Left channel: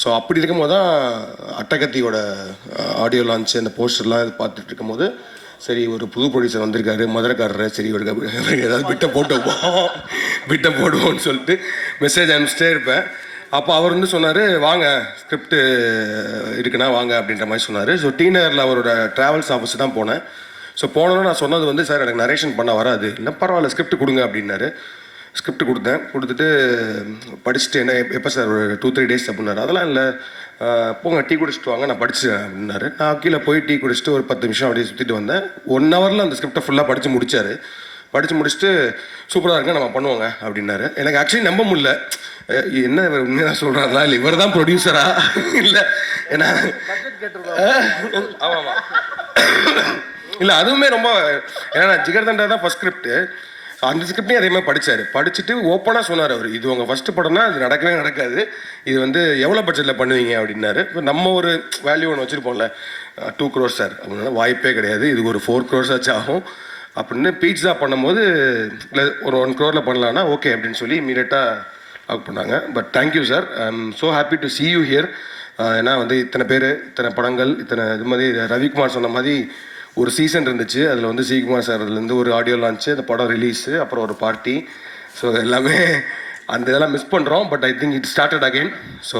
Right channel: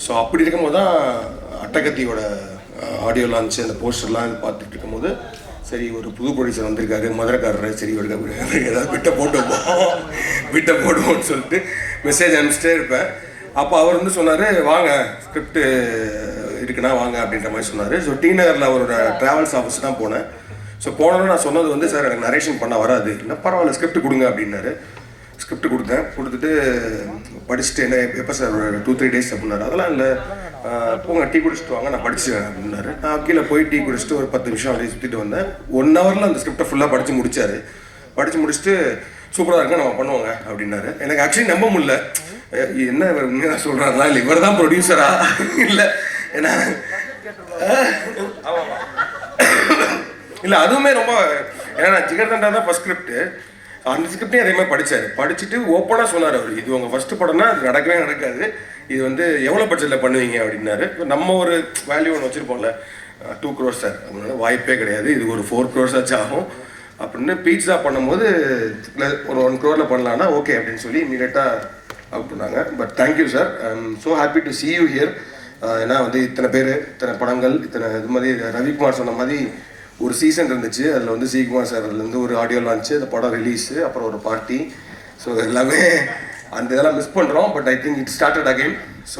So அப்படி இருக்கும்போது தான் அட்டகத்தியோட ஆடியோ லான்ச் அந்த போஸ்டர்லாம் பார்த்துட்டு இருக்கும்போது சரி ஒரு புது ப்ரொடியூசர் வந்திருக்காரு மதுரைக்காரர், சரி ஏதாவது விட்ட போடுவோம்னு சொல்லிட்டு மெசேஜ் அனுப்பிச்சிட்டே இருப்பேன். அப்போ அவர் வந்து சொன்னார் வாங்க ஸ்கிரிப்ட் இருக்குன்னா வாங்க அப்படின்ற மாதிரி சொன்னார். ஸோ டி நகரில் அவரோட ட்ராவல்ஸ் ஆஃபீஸ் தான் போனேன். ஸோ போனோன்னு நான் சொன்னது வந்து சார் எனக்கு நரேஷன் பண்ண வராது, இல்லை பரவாயில்ல ஸ்கிரிப்ட் கொடுங்க அப்படின்னாரு. ஸ்கிரிப்ட் கொடுத்துட்டு படிச்சுட்டு என்ன எப்போ சார் ஒரு 2-3 டேஸ் அப்படின்னாரு. அதெல்லாம் இல்லை போங்க டீ குடிச்சிட்டு வாங்க நான் படிச்சுக்கிறேன் அப்படின்னாரு. நான் கீழே போய் டீ குடிச்சிட்டு ஒரு 10 நிமிஷம் அப்படியே சுற்றிட்டு வந்தேன். 1 ஹவரில் அந்த ஸ்கிரிப்டை ஃபுல்லாக படித்து முடிச்சார். படித்து முடிச்சுட்டு சூப்பராக இருக்கு நம்ம பண்ணுவோங்க அப்படின்னாரு. எனக்கு ஆக்சுவலி நம்ப முடியல, என்ன உண்மையாக சொல்கிறாங்களா இல்லை இவர் தான் ப்ரொடியூசரா இல்லை ஏன்னா ஆமாம் இல்லை அதுவுமே ரொம்ப ஏன்னா ஜிகர்தண்டா தான் ஃபஸ்ட் ஸ்கிரிப்ட். அந்த ஸ்கிரிப்டையும் அதே மாதிரி படிச்சுட்டு ஓப்பனாக சொன்னார் அவர், இது உங்கள் ஃபஸ்ட்டு படம்னா அது நடக்கவே நடக்காது, இது வந்து எவ்வளோ பட்ஜெட்டில் பண்ணுவீங்க அப்படின்னாரு. இப்போ நம்ம ஒரு வேல்யூ ஒன்று வச்சுருப்போம்ல 2 crores சார் அப்படின்னா வாய்ப்பே கிடையாது, இது ஒரு 4 crores ஆச்சு ஆகும் அப்படின்னு. பீட்ஸா பண்ணும்போது இல்லை ஒரு 1 crore பண்ணலான்னா ஓகே அப்படின்னு சொல்லி இமீடியட்டாக அவுட் பண்ணாங்க. But thank you sir, I am so happy to see you here. ஏன்னா வந்து இத்தனை பேர் இத்தனை படங்கள் இத்தனை இது மாதிரி ரவிக்குமார் சொன்ன மாதிரி ஒரு சீசன் இருந்துச்சு. அதில் வந்து ஸ்ரீகுமார் சார்லேருந்து ஒரு ஆடியோ லான்ச்சு, அந்த படம் ரிலீஸு, அப்புறம் ஒரு பார்ட்டி. ஸோ எல்லாமே அந்த இதெல்லாம் மிஸ் பண்ணுறோம். But I think it started again. So